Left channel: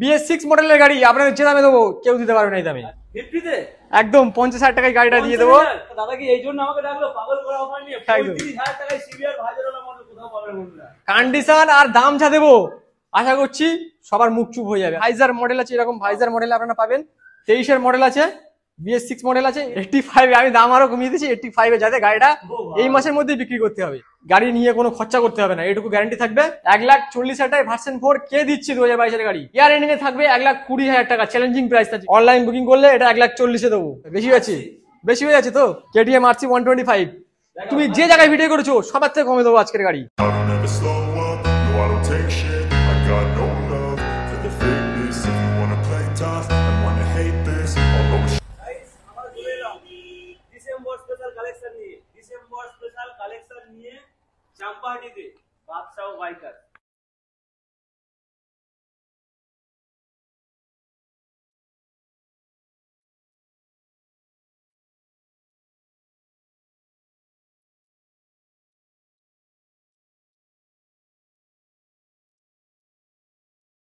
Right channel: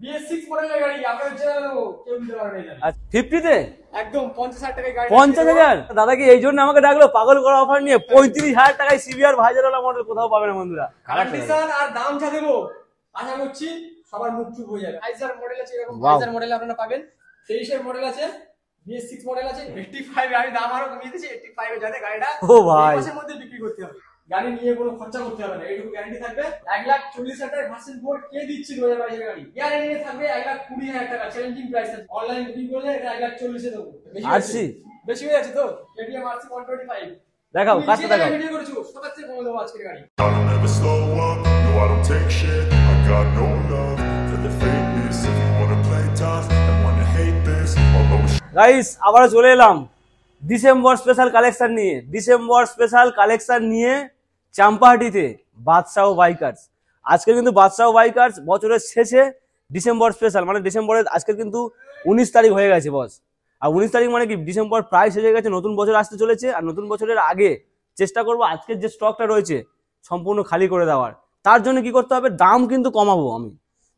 BS6 মডেলের গাড়ি আপনাদের যে দামে দেবো কেউ দিতে পারবে না এই দামে। 50 তে একদম 50,000 টাকায় গাড়িটা দিয়ে দেবো। দাদা কি এই জন্য আমাকে ডাকলো পাগল করা অফার নিয়ে? 35,000 টাকায় সিভিআর ভাইজারওয়ালা মডেল কোথাও পাবে না বন্ধুরা। কন্ডিশন আর দাম যা দেবো আশা করছি সবার মুখ চুপ হয়ে যাবে। ভাইজার মডেল আছে, এরকম ভাইজার মডেল আপনারা পাবেন। 23 এর মডেল আছে, BS6 মডেল আছে, 85 আমি দাম আরো কমিয়ে দিয়েছি 85 এ, যাতে গাড়িটা এই মাসের মধ্যে বিক্রি করতে হবে। গাড়ি নিয়ে কোনো খরচা করতে হবে না, এইটুকু গ্যারান্টি থাকবে। 1,40,000 টাকায় ভার্সন 4 কে দিচ্ছি 2022 এর গাড়ি। ইয়ার এন্ডিং এ থাকবে 1,20,000 টাকা, চ্যালেঞ্জিং প্রাইস আছে। অনলাইন বুকিং করলে এটা 1,40,000 এ দেবো। বেশি আছে, বেশি হয়ে যাচ্ছে তো। KTM RC 125 তুমি যে জায়গায় ভিডিও করেছো সবার থেকে কমে দেবো আজকের গাড়ি। গাইস আবার চলে এলাম ডিসেম্বর স্পেশাল কালেকশন নিয়ে। ডিসেম্বর স্পেশাল কালেকশন নিয়ে চাম্পাহাটিতে বাদশাহ বাইকার্স। আজকে কিন্তু বাদশাহ বাইকার্স বছরের শেষে ডিসেম্বর স্পেশাল, মানে ডিসেম্বরের আজকে কিন্তু 19 তারিখ হয়ে গেছে বস। আর 19 তারিখ মানে কি ডিসেম্বর প্রায় শেষ হয়ে গেছে, নতুন বছর আসতে চলেছে। আর নতুন বছরের আগে চেষ্টা করবো আজকের যে স্টকটা রয়েছে সম্পূর্ণ খালি করে দেওয়ার। তার জন্য কি করতে হবে, দাম কিন্তু কমাবো আমি।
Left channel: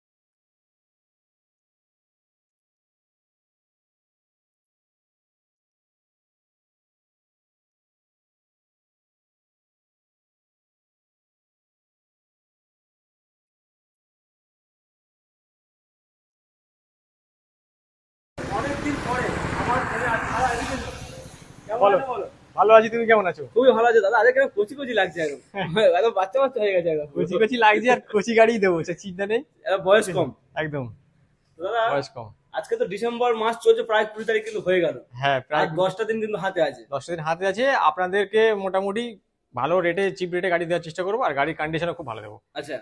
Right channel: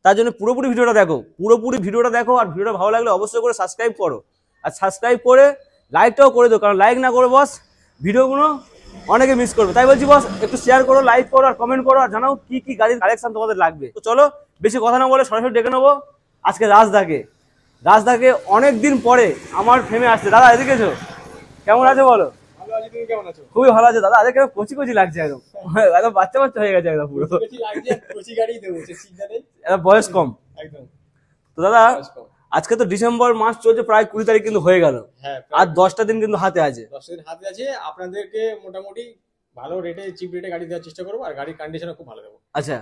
তার জন্য পুরোপুরি ভিডিওটা দেখো, পুরোপুরি ভিডিওটা দেখো। আর ভিডিওটা ভালো লাগলে অবশ্যই করে সাবস্ক্রাইব করো, আর সাবস্ক্রাইব করে লাইকটাও করে দাও, কারণ লাইক না করে বস ভিডিওগুলো অনেকে মিস করবে। তাই বলছি বস একটু শেয়ার করো, লাইক করো, আর কমেন্ট করো, আর জানাও কি কি গাড়ির কালেকশন তোমাদের লাগবে। তো চলো বেশি কথা না বলে সরাসরি ডেকে নেবো আজকে রাজদাকে। রাজদাকে অনেকদিন পরে আমার ফেমে আসছে। দাদা এদিকে এসো, কেমন আছো বলো? ভালো আছি, তুমি কেমন আছো? খুবই ভালো আছে দাদা। আজকে কচি কচি লাগছে, একদম বাচ্চা বাচ্চা হয়ে গেছে, একদম কচি কচি লাগছে। আর কচি গাড়ি দেবো, চিন্তা নেই, বয়স কম একদম। তো দাদা আজকে তো ডিসেম্বর মাস চলছে, প্রায় 20 তারিখ কিন্তু হয়ে গেল। হ্যাঁ, আর 10টা দিন কিন্তু হাতে আছে। 10টা দিন হাতে আছে। আপনাদেরকে মোটামুটি ভালো রেটে, চিপ রেটে গাড়ি দেওয়ার চেষ্টা করবো, আর গাড়ির কন্ডিশনও খুব ভালো দেবো। আচ্ছা,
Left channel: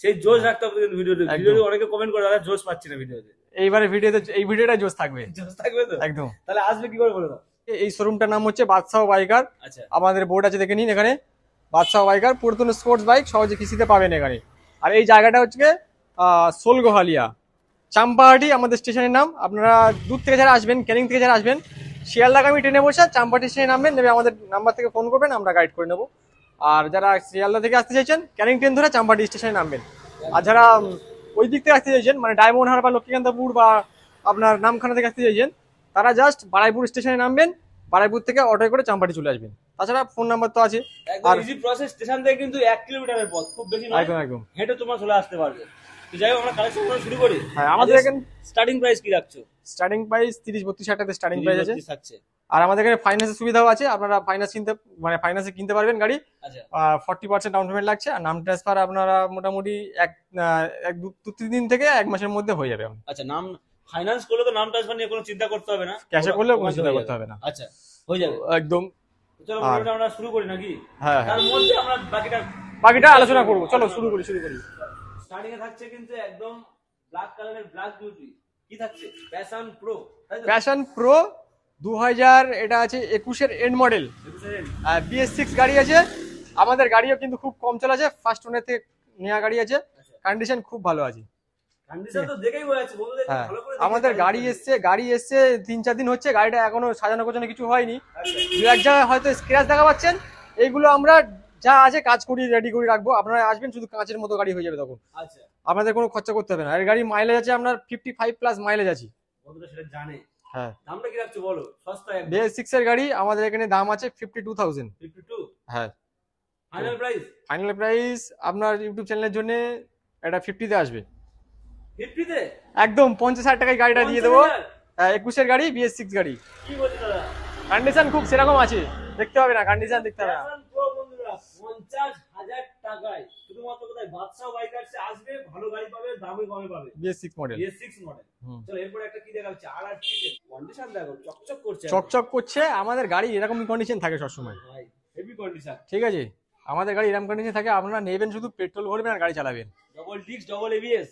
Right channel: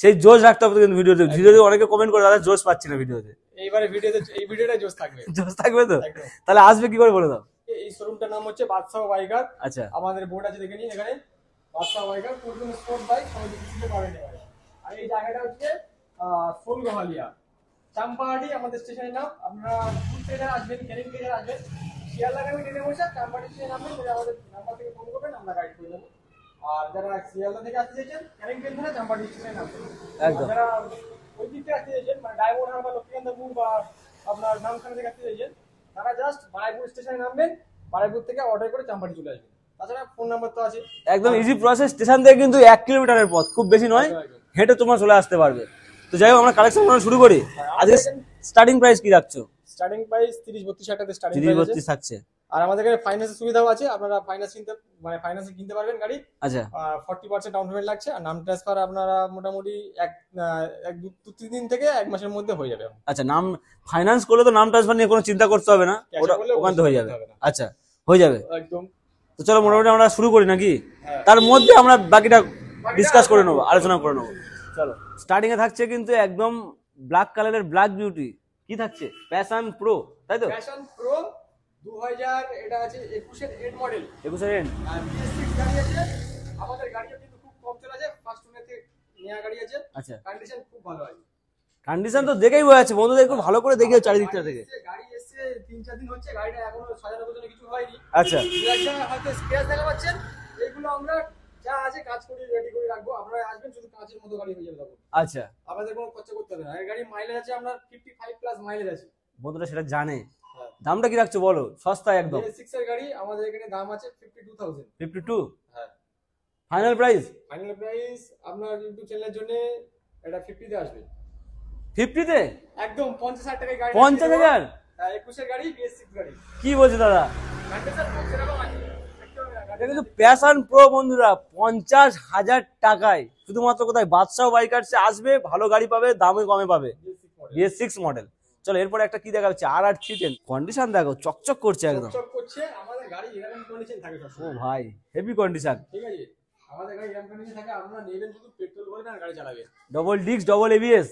সেই জোশ রাখতে হবে কিন্তু ভিডিওতে। ভিডিওতে অনেকে কমেন্ট করে দাদা জোশ পাচ্ছি না ভিডিওতে। এইবারে ভিডিওতে এই ভিডিওটা জোশ থাকবে। জোশ থাকবে তো একদম। তাহলে আসবে কি করে বলে দাও। এই শোরুমটার নাম হচ্ছে বাদশাহ বাইকার। আচ্ছা, আমাদের বোর্ড আছে দেখে নিন এখানে, বাদশাহ বাইকার। পুরাতন স্পোর্টস বাইক সহজে কিস্তিতে পাবেন এখানে। আর এই জায়গাটা হচ্ছে সোলগোহালিয়া, চাম্পাহাটি আমাদের স্টেশনের নাম। আপনারা দূর থেকে যারা আসবেন, ক্যানিং থেকে যারা আসবেন, শিয়ালদাগামী ট্রেনে বসে চাম্পাহাটি স্টেশনে নামবেন, নেমে আমাদের নাম্বার থেকে ফোন করবেন, আমরা গাইড করে নেবো। আর যারা শিয়ালদা থেকে আসতে চাইছেন ক্যানিং ট্রেন ধরে চাম্পাহাটি স্টেশনে নামবেন। আর যারা ওই দিক থেকে আসতে চাইছেন, মানে ডায়মন্ড হারবার, লক্ষ্মীকান্তপুর বা আপনার নামখানা থেকে আসতে চাইছেন, তারা জাস্ট বারাইপুর স্টেশনে নামবেন, বারাইপুর থেকে অটোয় করে চাম্পাহাটি চলে আসবেন। তাছাড়া ফোন নাম্বার তো আছে, একদম ইজি প্রসেস। স্টেশন থেকে কিন্তু 1 কিলোমিটারের পথ, খুব বেশি নয়, একদম হেঁটে তোমরা চলে আসতে পারবে। তো যাই হোক আমরা কালেকশন করা শুরু করি। আমাদের স্টার্টিং প্রাইস কি রাখছো? স্টার্টিং প্রাইস 30-32 টাকা স্টার্টিং প্রাইস থাকছে। আর আমাদের এখানে ফাইন্যান্সের সুবিধাও আছে। আপনারা ফাইন্যান্সে কিনতে পারবেন গাড়ি। আচ্ছা, 40% ডাউন পেমেন্ট লাগছে। আর নাম ট্রান্সফার আপনারা মোটামুটি 1-2-3 দিন থেকে 1 মাসের মধ্যে হয়ে যাবে। আচ্ছা, নাম ফাইন্যান্স করলে তো নাম ট্রান্সফার নিয়ে কোনো চিন্তা করতে হবে না, ক্যাশে করলে হয়ে যাবে না। আচ্ছা, হয়ে যাবে একদম। তো চলো মোটামুটি আমরা শুরু করি নাকি? হ্যাঁ, তার মধ্যে আমরা বাকিটা আলোচনা করব। চলো। স্টার্টিং এ থাকছে কিন্তু একদম ব্ল্যাক কালারের ব্ল্যাক বিউটি। কি থাকছে? প্যাশন প্রো, তাই তো? প্যাশন প্রো 2000, এটা আছে 21 এর এন্ড মডেল। 21 এর এন্ড। BS6 গাড়ি আছে। আমাদের গাড়িও কিন্তু খুব কম চলা আছে, ফার্স্ট ওনার থেকে নেওয়া গাড়ি আছে। আচ্ছা, কন্ডিশন খুব ভালো আছে। কন্ডিশন তো দেখেই বোঝা যাচ্ছে বন্ধুদের, একটু ভালো করে দেখে। গাড়ি এসছে 3-4 দিন হচ্ছে, গাড়িটা এখনো সাজানো গোছানো কিছু হয়নি। আচ্ছা, এক জায়গায় হয়তো স্ক্র্যাচ দেখা পাচ্ছেন, এইগুলো আমরা যা আছে কাজ করি রেডি করে রাখবো। আপনারা আসবেন, শুধু কাঁচের মতো গাড়ি হয়ে যাবে তখন। আচ্ছা, আপনাদের কোনো খরচা করতে হবে না। আর গাড়ি মাইলেজ আছে আপনার 55+ মাইলেজ আছে। বন্ধুরা সেটা জানে। হ্যাঁ, দামটা কি রাখছো বলো? সস্তা একদম। BS6 এর গাড়ি আমাদের এখানে দাম আছে 52,000। 52? হ্যাঁ। Final price? ফাইনাল প্রাইস আপনার ইউটিউব চ্যানেলের জন্য এটা 50 তে আসবে। 50 তে? একদম 50,000 টাকায় গাড়িটা দিয়ে দেবো। 21 এর গাড়ি, BS6 গাড়ি। কি বলছো দাদা? কন্ডিশন খুব সেরকম আছে, দেখতে হবে না কন্ডিশন দেখতে। প্যাশন প্রো বন্ধুরা 50,000 টাকায় শুধুমাত্র কোথায়? বাদশাহ বাইকার্সে আসবে, ভালো গাড়ি পাবে, দামে কমে পাবে। BS6 model. BS6 model. চলো এরপর একটা কি দেখা হচ্ছে, RR 310। কন্ডিশন দেখো, চকচক করছে, চকচক করছে। আমাদের গাড়ি এরকম কন্ডিশন থাকে সবসময় ভাই, হেভি কন্ডিশন। ঠিক আছে, আমাদের গাড়ি এরকম কন্ডিশন থাকে। আপনারা নেবেন, শুধু পেট্রোল ভরবেন আর গাড়ি চালাবেন। Double disc, double ABS.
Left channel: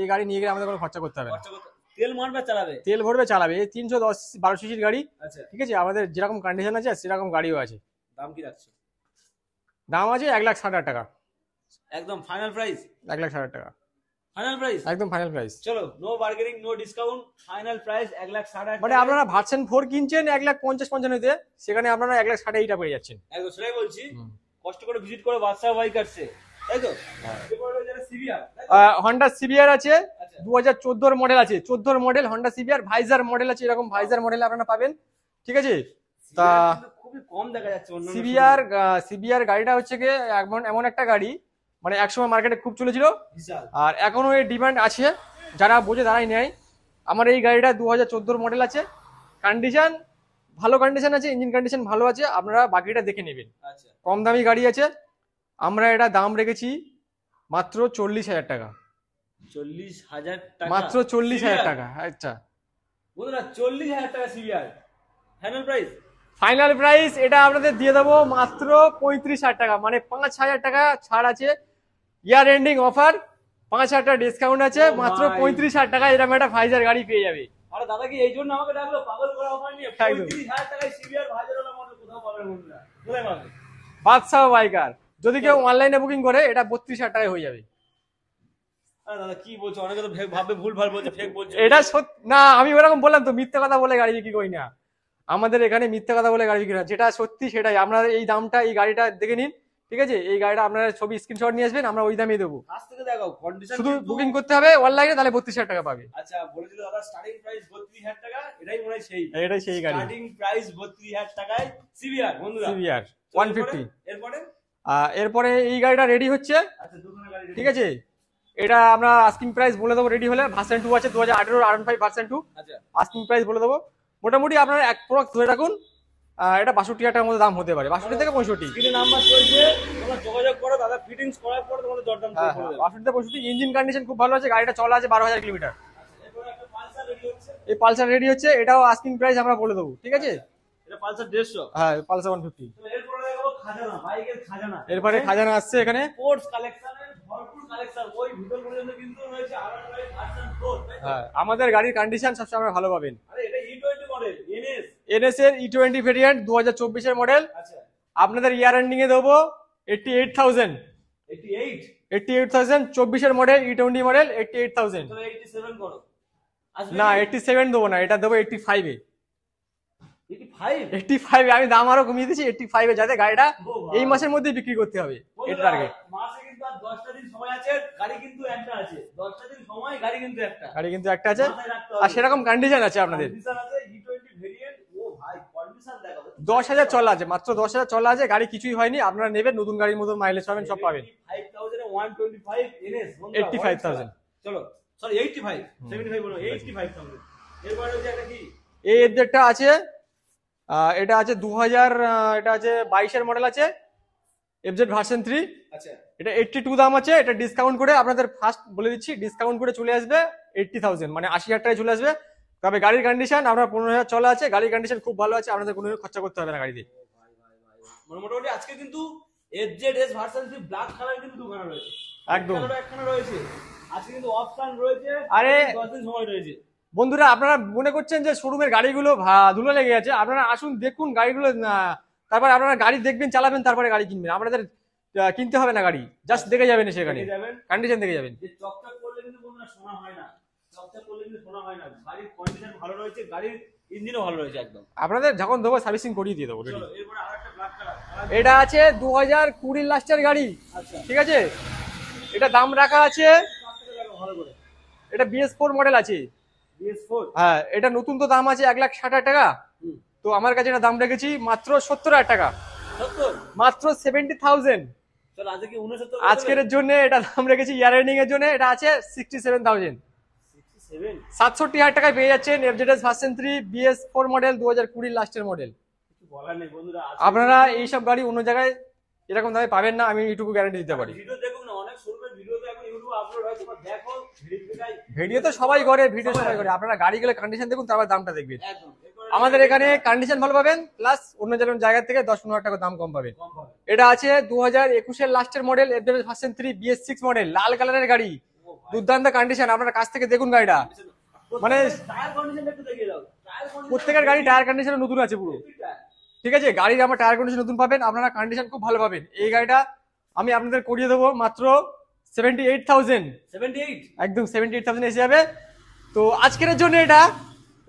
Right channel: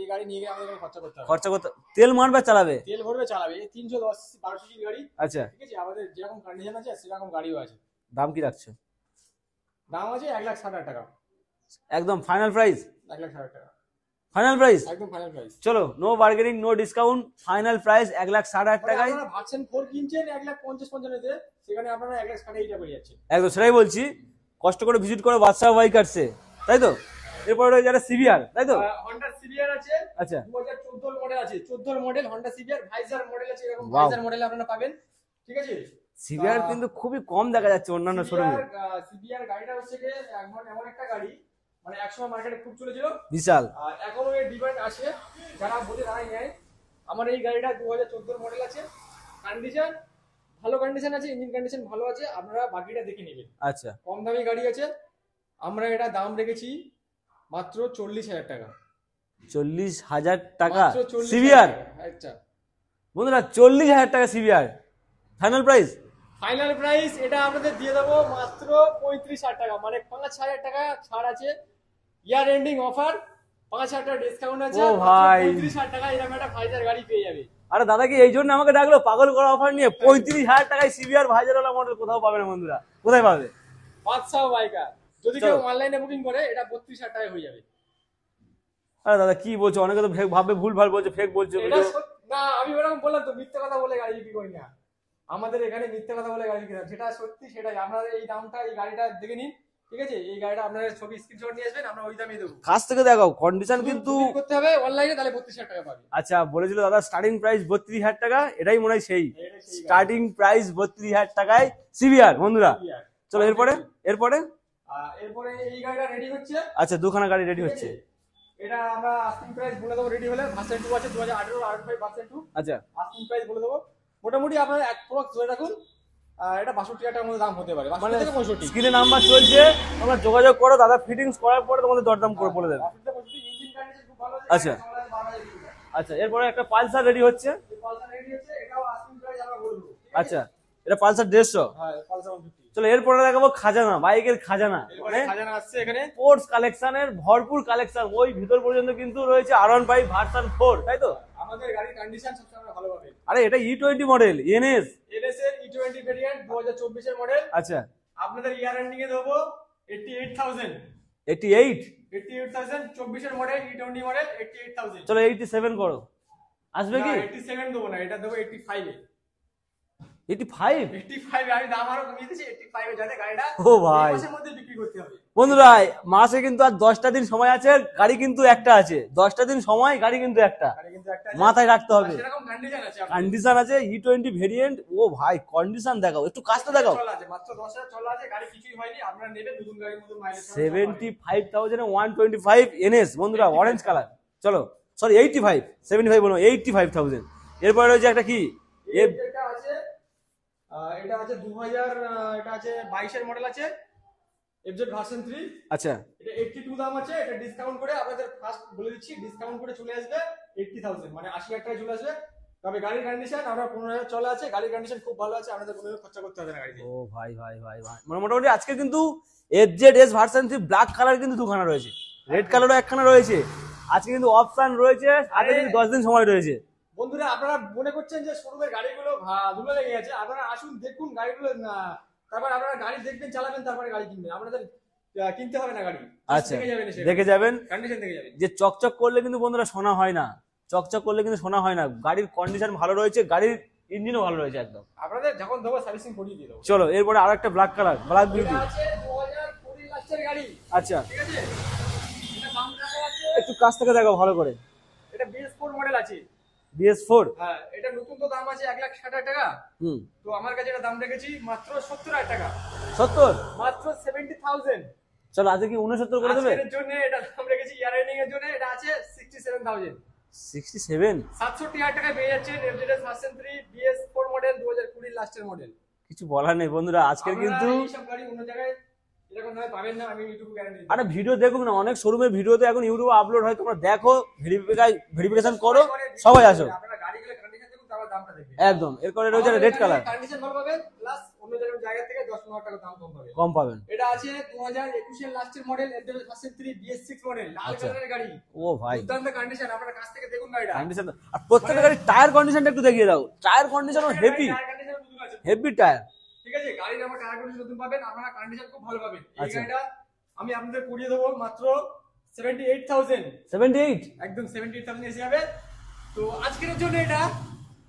এই গাড়ি নিয়ে গেলে আমাদের কোনো খরচা করতে হবে না। খরচা করতে, তেল মারবে চালাবে, তেল ভরবে চালাবে। 310-12 সিসির গাড়ি। আচ্ছা, ঠিক আছে, আমাদের যেরকম কন্ডিশন আছে সেরকম গাড়িও আছে। দাম কি রাখছো? দাম আছে 1,60,000 টাকা। একদম ফাইনাল প্রাইস 1,60,000 টাকা। ফাইনাল প্রাইস, একদম ফাইনাল প্রাইস। চলো, no bargaining, no discount, final price 1,60,000 মানে টাকা। আপনারা ভার্সন 4 কিনছেন 1,50,55 তে, সেখানে আপনারা 1,60,000 পেয়ে যাচ্ছেন। একদম সেটাই বলছি। কষ্ট করে ভিজিট করো বাদশাহ বাইকার্সে, তাই তো? এরপরে রয়েছে একটা সিভিআর, তাই তো? হন্ডা সিবিআর আছে, আচ্ছা 2014 মডেল আছে, 14 model Honda CBR visor model আছে, এরকম Wow. ভাইজার মডেল আপনারা পাবেন, ঠিক আছে। সিভিআর কিন্তু খুবই কম দেখা যাচ্ছে অন্যান্য সিবিআর showroom-এ। সিবিআর গাড়িটা হচ্ছে গিয়ে এমন এমন একটা গাড়ি, মানে একসময় মার্কেটে খুব চলেছিল, বিশাল। আর এখনো এর ডিমান্ড আছে, যারা বোঝে তারাই নেয়। আমার এই গাড়িটা 2014 মডেল আছে, কন্ডিশন ভালো কন্ডিশন আছে, ইঞ্জিন কন্ডিশন ভালো আছে, আপনারা বাকিটা দেখে নেবেন। আচ্ছা কম দামি গাড়ি আছে, আমরা এটা দাম রেখেছি মাত্র 40,000 টাকা, 40,000 টাকা মাত্র 40,000 সিভিআর। টাকা। আচ্ছা বন্ধুরা 40,000 টাকা CBR final price. Final price এটা আপনাদের দিয়ে দেবো মাত্র 35,000 টাকা, মানে 5,000 টাকা ছাড় আছে, ইয়ার এন্ডিং অফার, 5,000 টাকা ডিসকাউন্ট আছে, ও মাত্র ভাই। 35,000 টাকা এরকম একটা ভাইজার গাড়ি পেয়ে যাবে। আরে দাদা কি এই জন্য আমাকে ডাকলো পাগল করা অফার নিয়ে? 35,000 টাকায় সিভিআর ভাইজারওয়ালা মডেল কোথাও পাবে না বন্ধুরা, কোথায় পাবে? বাদশাহ বাইকার, যদি কেউ চলো। অনলাইনে বুকিং করে এটা 32,000 টাকায় হয়ে যাবে। আরে দাদা কি বলছো, অনেকে তো ভাববে ভুল ভাল বলছে, ফেক বলছে। এটা না, আমি ওরকম বললাম তো, মিথ্যা কথা বলে গাড়ি বিক্রি করি না, আমাদের এখানে মিথ্যা কথা বলে গাড়ি বিক্রি না, যেটা সত্যি সেটাই। আপনারা এই দামটা এই গাড়িটা দেখে নিন, ঠিক আছে, এই গাড়িটা আপনারা ছবি স্ক্রিনশট নিয়ে আসবেন, আমরা ওই দামে দেবো। কাছ থেকে দেখাও কন্ডিশন শুধু কিন্তু। বুকিং করতে হবে অনলাইনে, তাহলে 32,000 টাকা পাবে। আচ্ছা বলেছিল দাদা স্টার্টিং প্রাইস 32,000 টাকা, এটাই মনে হয় সেই এটাই সেই গাড়ি। স্টার্টিং প্রাইস 32,000 টাকায় সিভিআর বন্ধুরা। CBR চলো এরপরে 150 এরপরে এরপরে এই গাড়িটা রেডি হচ্ছে, আচ্ছা দুখানা গাড়ি রেডি ঠিক আছে। এটা আমরা আস্কিং প্রাইস বলে দেবো রেডি হলে, ভার্সন 2 আছে 2018 R15 ভার্সন 2, আচ্ছা আস্কিং প্রাইস বলে দেবো মোটামুটি আপনারা এক প্রোডাক্ট ধরে রাখুন, এটা 62,000 টাকার মধ্যে দাম হতে পারে, 62 থেকে 65। স্ক্রিনে নাম্বার চলছে, তোমরা যোগাযোগ করো, দাদা ফিটিংস করার পরে তোমাদের দরদাম করে বলে দেবে। 62 থেকে 65, ইঞ্জিন কন্ডিশন খুব ভালো আছে, গাড়িটা চলা আছে 12,000 কিলোমিটার। আচ্ছা এরপরে একটা পালসার রেডি হচ্ছে। এই পালসার রেডি হচ্ছে, এটাও আস্কিং প্রাইস আমরা বলে দেবো, ঠিক আছে। আচ্ছা এটা পালসার 150। হ্যাঁ পালসার 150। চলো এরপরে দেখাবো খাজানা, বাইকের খাজানা। এরপরে খাজানা আসছে এখানে, স্পোর্টস কালেকশনের ভরপুর কালেকশন, ওই ভিতর পর্যন্ত কিন্তু রয়েছে R15 ভার্সন 4, তাই তো? আমাদের গাড়ির কন্ডিশন সবসময় ভালো পাবেন। আরে এটা E20 মডেল এনএস। এনএস এর E20 ভেরিয়েন্ট 2024 এর মডেল, আচ্ছা আপনাদের ইয়ার এন্ডিং এ দেবো 88,000। 88। 88,000 24 এর মডেল, E20 মডেল 88,000। চলো 87 করো, আসবে না কি? 87 দেবো না, এটা দেবো 85 এ। 85। 85 আমি দাম আরো কমিয়ে দিয়েছি 85 এ, যাতে গাড়িটা ও ভাই। এই মাসের মধ্যে বিক্রি করতে হবে। বন্ধুরা মাসে কিন্তু আর 10টা দিন সময় আছে, গাড়ি কিন্তু একটা আছে, 10টা দিন সময়, গাড়ি কিন্তু একটা, গাড়ি কিন্তু একটা আছে, মাথায় রাখতে হবে। আর সেরকম কন্ডিশন আছে আপনাদের। কন্ডিশন আছে E20 ভেরিয়েন্ট। ও ভাই কন্ডিশন দেখাও একটু, 10,000 চলা আছে, মাত্র 10,000 চলা আছে, গাড়ি কিছুই হয়নি, আপনারা নেবেন নতুন গাড়ির মতো মাইলেজ পাবেন, সব পাবেন। 75,000 125 এনএস বন্ধুরা, 85,000 অরেঞ্জ কালার। চলো সরি 85, 75 বলো, 85,000। এরপরে রয়েছে একটা কি, এই এফজেডটা আছে, এটা আছে 2000, এটা আছে 22 এর মডেল আছে, এফজেড ভার্সন 3। আচ্ছা এটা 82 দাম আছে, এটা ডিসকাউন্ট করে আপনাদের ফার্স্ট বলে দিচ্ছি, ডিসকাউন্ট করে চলে আসবে 80,000, মানে 80,000 টাকায় চলে আসবে। তবে গাড়ির কন্ডিশন আপনার 15,000 চলা আছে, গাড়ির কন্ডিশন খুব ভালো আছে, আপনাদের কোনো খরচা করতে হবে না গাড়িতে। ও ভাই ভাই ভাই ভাই, মানে মোটামুটি আজকে কিন্তু এফজেড ভার্সন 3 ব্ল্যাক কালার কিন্তু দুখানা রয়েছে, রেড একদম। কালারও একখানা রয়েছে। আজকে কিন্তু অপশন রয়েছে, আরে আরে 10 দিন সময় রয়েছে। বন্ধুরা আপনারা মনে করছেন যে শোরুমের গাড়িগুলো ধুলো লেগে গেছে, আপনারা আসুন দেখুন গাড়িগুলো, তারপর আপনারা গাড়ি দেখবেন চালাবেন, তারপরে গাড়ি কিনবেন, আপনাদের কিনতে হবে না গাড়ি, জাস্ট আচ্ছা। দেখে যাবেন, এসে দেখে যাবেন, কন্ডিশন দেখে যাবেন। যে চকচক করলে কিন্তু বন্ধুরা শোনা হয় না, চকচক করলে কিন্তু শোনা হয় না। গাড়ির কন্ডিশন ভালো রয়েছে, গাড়ির ইঞ্জিনও ভালো রয়েছে একদম। আপনাদের যখন দেবো সার্ভিসিং করিয়ে দিয়ে দেবো। চলো এরপরে আরো একটা ব্ল্যাক কালার, এটা আছে 2020 লাস্টের গাড়ি, আচ্ছা ঠিক আছে, এটা দাম রাখা আছে, একটু কাছ থেকে দেখো ভালো করে। এটা BS4 মডেল আছে। BS4। হ্যাঁ এটা নতুন তো দাম আছে 1,60,000 টাকা, হুম তো আমার কাছে এটা দাম রেখেছি মাত্র 70,000 টাকা, 70। মাত্র 70,000 চলো আজকে কি 69 করে আজকের দেবেন? জন্য এটা দাম রেখেছি, ইয়ার এন্ডিং এর জন্য এটা আছে 67,000। 67। 67,000 টাকায় পেয়ে যাচ্ছেন এফজেডএস ভার্সন 3 BS4 মডেল 2020 লাস্টের মডেল। কিছু বলার নেই বন্ধুরা, আজকে আপনারা কিন্তু- এই সব গাড়ি অন্য জায়গায় এরকম দামে পাবেন না, আমি এইটুকু গ্যারান্টি দিতে আরে পারি। ভিডিও দেখুন না, অনেক শোরুমের ভিডিও তো এখন ইউটিউবে আপলোড হয়, তোমরা দেখো, ভিডিও তো সবাই করে, ভিডিও সবাই আসে। আপনারা গাড়িগুলো কন্ডিশন দেখুন, তারপর দামটা দেখবেন। একদম। এরপরে আমাদের red এখানে color, কন্ডিশন ভালো পাবেন, প্লাস অন্য যেমন জায়গা থেকে 10-15,000 টাকা দাম কম পাবেন। কম পাবেন। এটা আছে 2021 এর লাস্টের model FZ version 3 BS6 model, লাল কালারের গাড়ি, ও ভাই দুর্দান্ত কন্ডিশন, আপনারা কাছ থেকে দেখুন গাড়িটা। কন্ডিশন, আর প্রত্যেকটা গাড়ির টায়ার কন্ডিশনটা একটু দেখিয়ে দাও। টায়ার কন্ডিশন প্রত্যেকের গাড়ি টায়ার কন্ডিশন নতুন আছে পুরো। Heavy tyre. ঠিক আছে, গাড়ির আমার টায়ার কন্ডিশন নতুন পাবেন, আপনারা কন্ডিশন খুব ভালো পাবেন। এই আচ্ছা। গাড়িটা আমি আপনাদের করিয়ে দেবো মাত্র 78,000, 78। একদম 78,000 এসে যাবে। তো আজকের জন্য এটা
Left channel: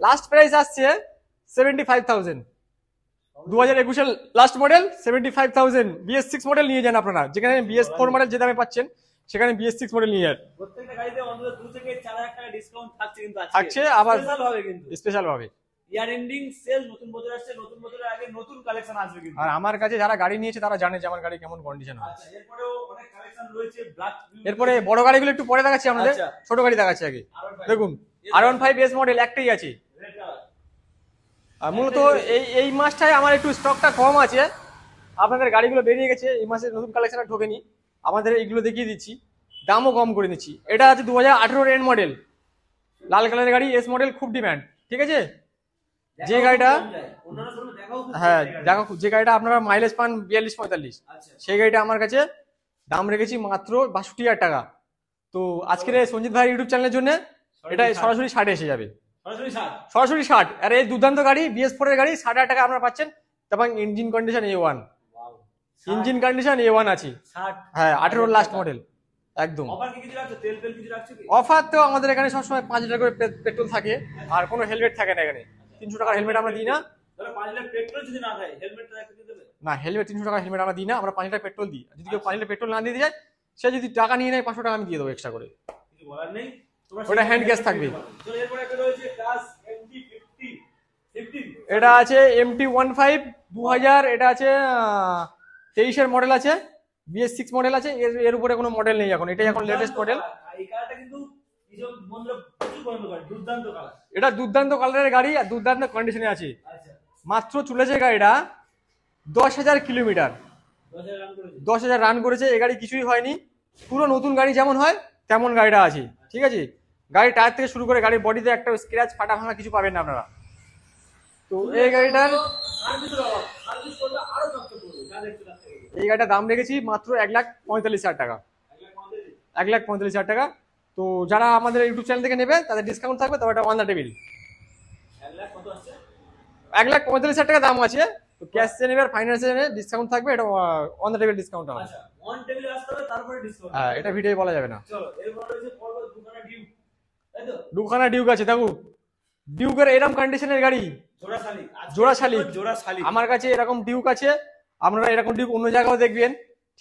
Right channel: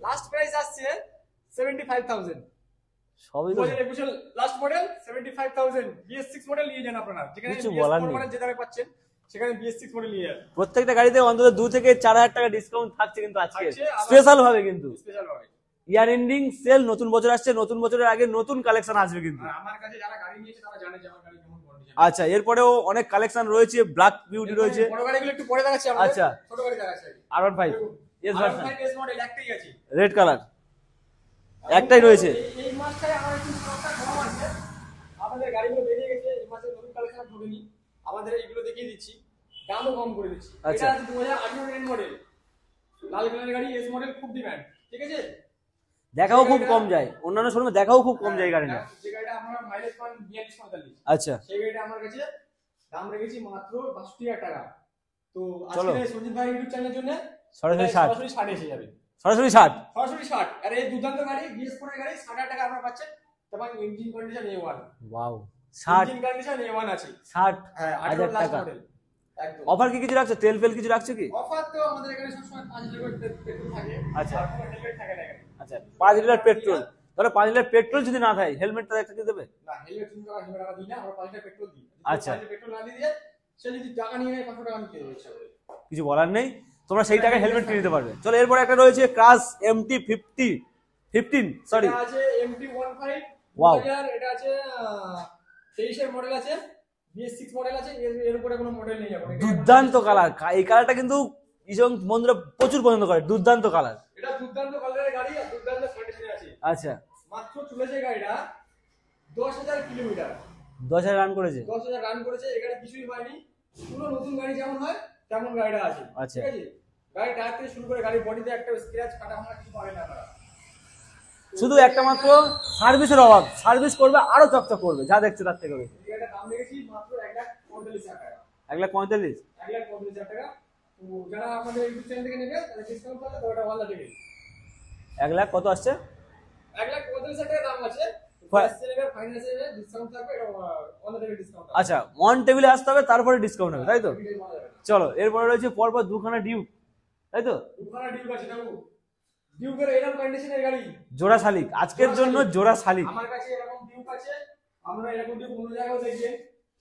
লাস্ট প্রাইস আসছে 75,000। সবই 2021 লাস্ট মডেল 75,000 BS6 মডেল নিয়ে যান আপনারা, যেখানে কিছু BS4 বলার মডেল যে দামে পাচ্ছেন সেখানে BS6 মডেল নিয়ে যান। প্রত্যেকটা গাড়িতে অন্তত 2 থেকে 4,000 টাকা ডিসকাউন্ট থাকছে কিন্তু আজকে থাকছে, আবার স্পেশাল ভাবে কিন্তু স্পেশাল ভাবে। ইয়ার এন্ডিং সেল, নতুন বছর আসছে, নতুন বছরের আগে নতুন কালেকশন আসবে কিন্তু। আর আমার কাছে যারা গাড়ি নিয়েছে তারা জানে যে আমার গাড়ি কেমন কন্ডিশন। আচ্ছা, এরপরেও অনেক কালেকশন রয়েছে, ব্ল্যাক বিউটি এরপরে রয়েছে। বড় গাড়িগুলো একটু পরে দেখাচ্ছি আমাদের, আচ্ছা। ছোট গাড়ি দেখাচ্ছি আগে। R15 দেখুন Yes, R15 এস মডেল একটাই আছে, রেড কালার আর একটাই মূলত রয়েছে। এই মাসটায় আমার একটু স্টকটা কম আছে, আপনাদের গাড়িগুলো বেরিয়ে গেছে, এই মাসে নতুন কালেকশন আর ঢোকেনি, আমাদের এইগুলো দেখিয়ে দিচ্ছি, দামও কম করে দিচ্ছি। আচ্ছা। এটা আছে 2018 এর মডেল, লাল কালারের গাড়ি, এস মডেল, খুব ডিমান্ড, ঠিক আছে। দেখাও খুব গাড়িটা- কম যায়, অন্যান্য শোরুমে দেখাও খুব কম হ্যাঁ যায় গাড়ি। দেখো, যে গাড়িটা আপনারা মাইলেজ পান 42-45, আচ্ছা, সেই গাড়িটা আমার কাছে দাম রেখেছি মাত্র 62,000 টাকা। তো আজকের এই সঞ্জিত ভাই ইউটিউব চ্যানেলের জন্য এটা সরাসরি 60 এসে যাবে, সরাসরি 60। সরাসরি 60। আর এই দুর্দান্ত গাড়ি BS4 এর গাড়ি 60,000 টাকা আপনারা পাচ্ছেন, এবং engine condition A1, wow, engine condition A1 আছে। 60। হ্যাঁ 18 লাস্ট টাকা। মডেল একদম। অফার কি কিছু রাখছো? তেল ফেল কিছু রাখছো কি? অফার তো আমাদের এখানে সবসময় 5 লিটার করে পেট্রোল থাকে, আচ্ছা। আর কোনো হেলমেট থাকে না এখানে। আচ্ছা, 300 টাকা হেলমেট আমরা দিই না। ধরো 5 লিটার পেট্রোল যদি না থাকে, হেলমেটটা একটা দিয়ে দেবে? না, হেলমেট 300 টাকা হেলমেট আমরা দিই না, আমরা 5 লিটার পেট্রোল দিই। যদি কেউ আচ্ছা। 5 লিটার পেট্রোল না দিয়ে যায়, সে যদি টাকা নিয়ে নেয় 500 টাকা আমি দিয়ে দেবো এক্সট্রা করে, কিছু বলার নেই, তোমরা সেই ওটা টাকা hand gas হেলমেট থাকবে। দিতে পারবে। চলো, এরপর একটা রয়েছে ক্রাশ MT15। এটা আছে MT15 2000, এটা আছে 23 এর মডেল আছে, BS6 মডেল আছে, এর উপরে কোনো মডেল নেই এখন, এটাই এখন দুর্দান্ত latest model। কালার, এই কালারটা কিন্তু ইজন বন্ধুরা প্রচুর পছন্দ করে, দুর্দান্ত কালার। এটা দুর্দান্ত কালারের গাড়ি আর দুর্দান্ত কন্ডিশনে আছে। আচ্ছা, মাত্র চলেছে গাড়িটা 10,000 কিলোমিটার, 10,000 রান করেছে। 10,000 রান করেছে। এই গাড়ি কিছুই হয়নি, পুরো নতুন গাড়ি যেমন হয় তেমন গাড়িটা আছে, আচ্ছা। ঠিক আছে। গাড়ির টায়ার থেকে শুরু করে গাড়ির বডিতে একটা স্ক্র্যাচ ফাটা ভাঙা কিছু পাবেন না আপনারা। তো শুধু এই একটা গাড়িটার- মাত্র সার্ভিসের অভাব, সার্ভিস করবে আরো চকচক করবে, যা দেখছো তার থেকে। এই গাড়িটার দাম রেখেছি মাত্র 1,45,000 টাকা, 1,45,000। 1,45,000 টাকা। তো যারা আমাদের ইউটিউব চ্যানেল থেকে নেবে তাদের ডিসকাউন্ট থাকবে, তবে এটা অন দ্য টেবিল। 1,00,000 কত আসছে? 1,45,000 টাকা দাম আছে, ক্যাশে নেবে আর ফাইন্যান্সে নেবে ডিসকাউন্ট থাকবে, এটা অন দ্য টেবিল ডিসকাউন্ট হবে। আচ্ছা, ওয়ান টেবিলে আসতে হবে, তারপরে ডিসকাউন্ট হবে, হ্যাঁ, তাই তো? এটা ভিডিও বলা যাবে না। চলো, এরপরে রয়েছে পরপর দুখানা ডিউক, তাই তো? দুখানা ডিউক আছে, দেখো ডিউকের এরকম কন্ডিশনের গাড়ি, জোড়া শালিক, জোড়া শালিক। জোড়া শালিক। আমার কাছে এরকম ডিউক আছে, আপনারা এরকম ডিউক অন্য জায়গাও দেখবেন,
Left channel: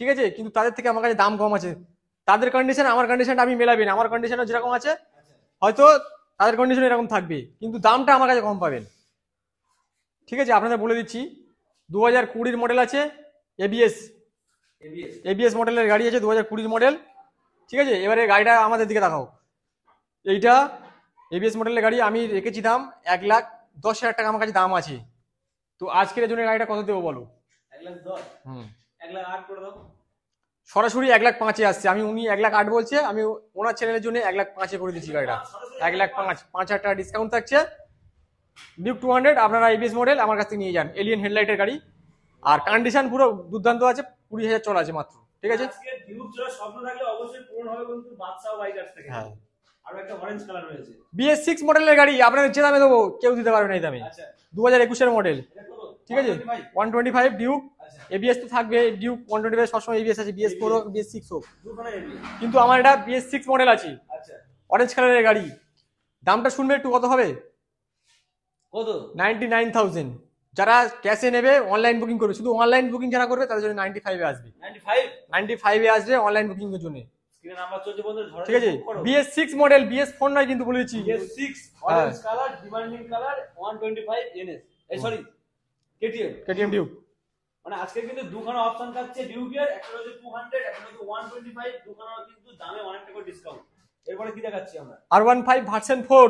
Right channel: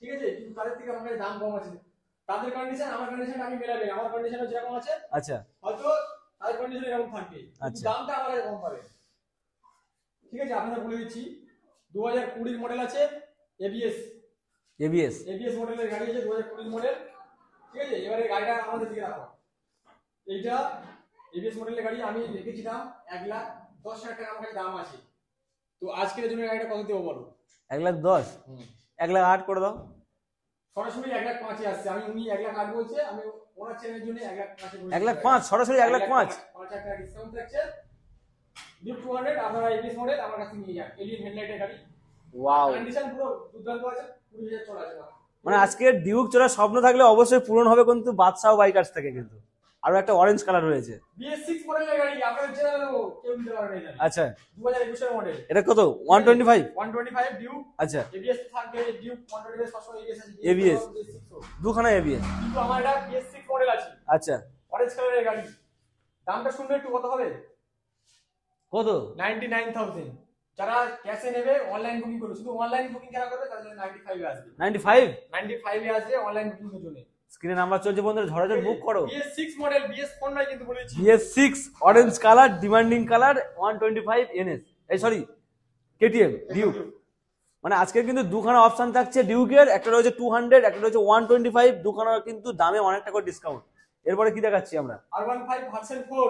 ঠিক আছে, কিন্তু তাদের থেকে আমার কাছে দাম কম আছে। তাদের কন্ডিশন আমার কন্ডিশনটা আমি মেলাবেন, আমার কন্ডিশনও যেরকম আছে আচ্ছা, হয়তো তাদের কন্ডিশন এরকম থাকবে, কিন্তু আচ্ছা। দামটা আমার কাছে কম পাবেন, ঠিক আছে। আপনাদের বলে দিচ্ছি 2020 মডেল আছে, এবিএস এবিএস মডেলের গাড়ি আছে, 2020 মডেল, ঠিক আছে। এবারে গাড়িটা আমাদের দিকে দেখাও, এইটা এবিএস মডেলের গাড়ি, আমি রেখেছি দাম 1,10,000 টাকা আমার কাছে দাম আছে। তো আজকের জন্য গাড়িটা কত দেবো বলো? 1,10,000, 1,08,000 করে দাও। সরাসরি 1,05,000 আসছে, আমি উনি 1,08,000 বলছে, আমি ওনার চ্যানেলের জন্য 1,05,000 করে দিচ্ছি। 1,05,000 সরাসরি 1,05,000। 5,000 টাকা ডিসকাউন্ট থাকছে। ডিউক 200 আপনারা এবিএস মডেল আমার কাছ থেকে নিয়ে যান, এলিয়েন হেডলাইটের গাড়ি, আর Wow! কন্ডিশন পুরো দুর্দান্ত আছে, 20,000 চলা আছে মাত্র, ঠিক মানে আছে। আজকে ডিউক চড়ার স্বপ্ন থাকলে অবশ্যই পূরণ হবে কিন্তু বাদশাহ বাইকার্স থেকে। হ্যাঁ। আরো একটা অরেঞ্জ কালার রয়েছে। BS6 মডেলের গাড়ি আপনাদের যে দামে দেবো কেউ দিতে পারবে না এই দামে। আচ্ছা, 2021 এর মডেল, এটা কত? 125। 125 ডিউক, আচ্ছা, এবিএস তো থাকবে, ডিউক 125 সবসময় এবিএস আছে, ABS BS6 হোক, দুখানা এবিএস। কিন্তু আমার এটা BS6 মডেল আছে, আচ্ছা, অরেঞ্জ কালারের গাড়ি। দামটা শুনবে একটু, কত হবে? কত? 99,000। যারা ক্যাশে নেবে অনলাইন বুকিং করবে, শুধু অনলাইন বুকিং যারা করবে তাদের জন্য 95 এ আসবে, 95। 95 এ আসবে অনলাইন বুকিং এর জন্য, স্ক্রিনে নাম্বার চলছে বন্ধুরা, ঝড়ে ঠিক আছে। বুক করো। BS6 মডেল, BS4 নয় কিন্তু বলে দিচ্ছি। BS6 orange colour, demanding colour, 125 NS, এই সরি KTM ডিউক। মানে আজকে কিন্তু দুখানা অপশন থাকছে ডিউকের, একটা রয়েছে 200, একটা রয়েছে 125, দুখানা কিন্তু দামে অনেকটা করে ডিসকাউন্ট। এরপরে কি দেখাচ্ছি আমরা? R15 ভার্সন 4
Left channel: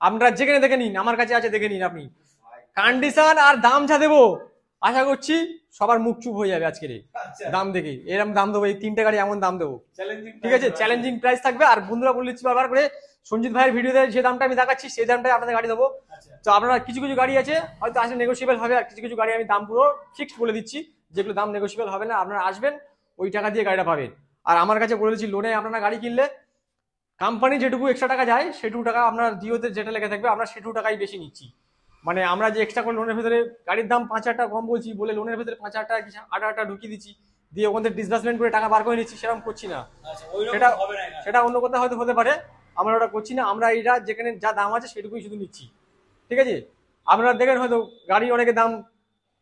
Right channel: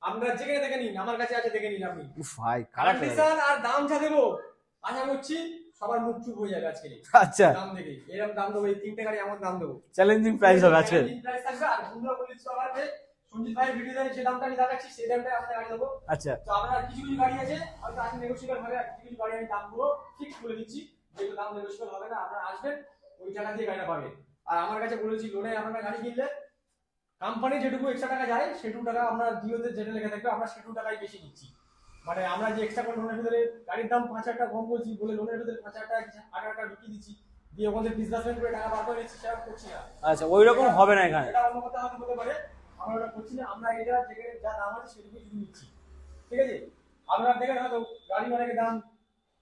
আপনারা যেখানে দেখে নিন, আমার কাছে আছে, দেখে নিন আপনি। উফ ভাই, কন্ডিশন আর দাম যা দেবো, আশা করছি সবার মুখ চুপ হয়ে যাবে আজকের এই আচ্ছা, দাম দেখে। এরকম দাম দেবো, এই তিনটে গাড়ি এমন দাম দেবো, চ্যালেঞ্জিং প্রাইস আছে। চ্যালেঞ্জিং প্রাইস থাকবে। আর বন্ধুরা বলে দিচ্ছি বারবার করে, সঞ্জিত ভাইয়ের ভিডিওতে যে দামটা আমি দেখাচ্ছি সেই দামটাই আপনাদের গাড়ি দেবো। আচ্ছা, তো আপনারা কিছু কিছু গাড়ি আছে হয়তো আসলে নেগোসিয়েবল হবে, আর কিছু কিছু গাড়ি আমি দাম পুরো ফিক্সড বলে দিচ্ছি, যেগুলো দাম নেগোসিয়েবল হবে না, আপনারা আসবেন ওই টাকা দিয়ে গাড়িটা পাবেন। আর আমার কাছে বলে দিচ্ছি, লোনে আপনারা গাড়ি কিনলে কোম্পানি যেটুকু এক্সট্রা টাকা যায় সেটুকু টাকা আপনার জিওতে যেটা লেখা থাকবে আমরা সেটুকু টাকাই বেশি নিচ্ছি। মানে আমরা যে এক্সট্রা করে লোনের ভেতরে গাড়ির দাম 5,000 টাকা কম বলছি বলে লোনের ভেতরে 5,000 টাকা কি 8,000 টাকা ঢুকিয়ে দিচ্ছি, দিয়ে ওখানে ডিসবার্সমেন্ট করে টাকা বার করে নিচ্ছি, সেরকম করছি না। আচ্ছা, ওই রকম এটা- হবে না এখানে। সেটা অন্য কোথাও হয়তো হতে পারে, আমরা ওটা করছি না। আমরা এটা যেখানে যা দাম আছে সেটুকুই শুধু নিচ্ছি, ঠিক আছে। আপনারা দেখেন হয়তো গাড়ি অনেকে দাম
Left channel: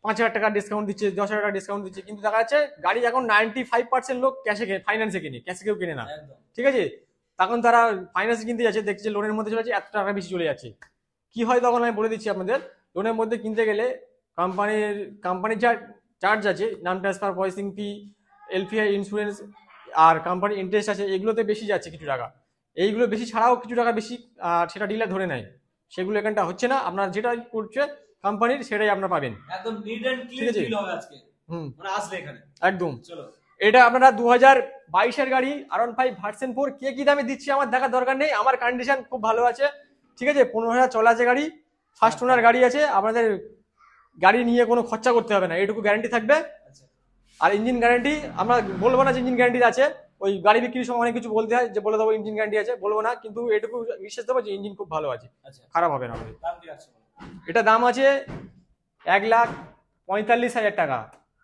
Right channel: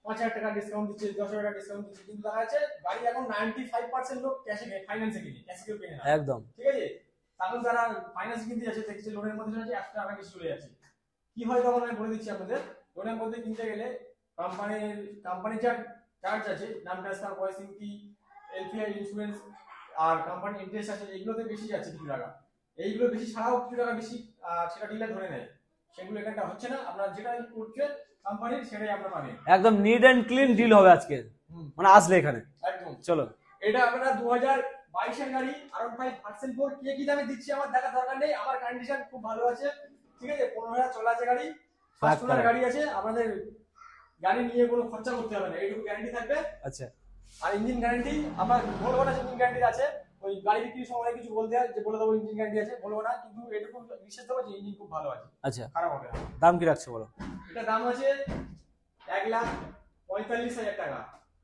5,000 টাকা ডিসকাউন্ট দিচ্ছে, 10,000 টাকা ডিসকাউন্ট দিচ্ছে, কিন্তু দেখা যাচ্ছে গাড়ি এখন 95% লোক ক্যাশে ফাইন্যান্সে কিনে, ক্যাশে কেউ কিনে না। একদম ঠিক আছে, তখন তারা ফাইন্যান্স কিনতে যাচ্ছে, দেখছে লোনের মধ্যে চলে যাচ্ছে, 1 টাকা বেশি চলে যাচ্ছে। কি হয় তখন আমি বলে দিচ্ছি আপনাদের, লোনের মধ্যে কিনতে গেলে কোম্পানির যা চার্জ আছে, নাম transfer, processing fee, LPI, insurance আর কোম্পানির ইন্টারেস্ট আছে, এগুলোতে বেশি যাচ্ছে কিছু টাকা। এইগুলো বেশি ছাড়াও কিছু টাকা বেশি সেটা ডিলার ধরে নেয়, সেগুলো এখানটা হচ্ছে না। আপনার যেটা করছে কোম্পানির সেটাই আপনার পাবেন। একদম নিট এন্ড ক্লিন ডিল হবে আজকে, মানে আসলে এখানে একদম। চলো, এটা আপনারা 2022-এর গাড়ি R15 ভার্সন 4 কে কি দামে দিচ্ছি আমার দেখার দরকার নেই, আমার কন্ডিশন খুব ভালো আছে। ঠিক আছে, 15,000 চলা আছে গাড়ি, ফার্স্ট ওনার গাড়ি আছে, আপনাদের গাড়ি নিয়ে কোনো খরচা করতে হবে না, এইটুকু গ্যারান্টি থাকবে। আচ্ছা, আর ইঞ্জিন গ্যারান্টি আমরা বলবো না যে ইঞ্জিন গ্যারান্টি আছে, ওই গাড়ি বিক্রির সময় অনেক কিছু বলতে হয় যে বলে দেবো ইঞ্জিন গ্যারান্টি আছে, বলবো না, কিন্তু এটুকু বিশ্বাস দেবো যে ইঞ্জিন খুব ভালো আছে, আচ্ছা খারাপ হবে না। দাম কি রাখছো বলো? এটা দাম আছে 1,45,000 টাকা।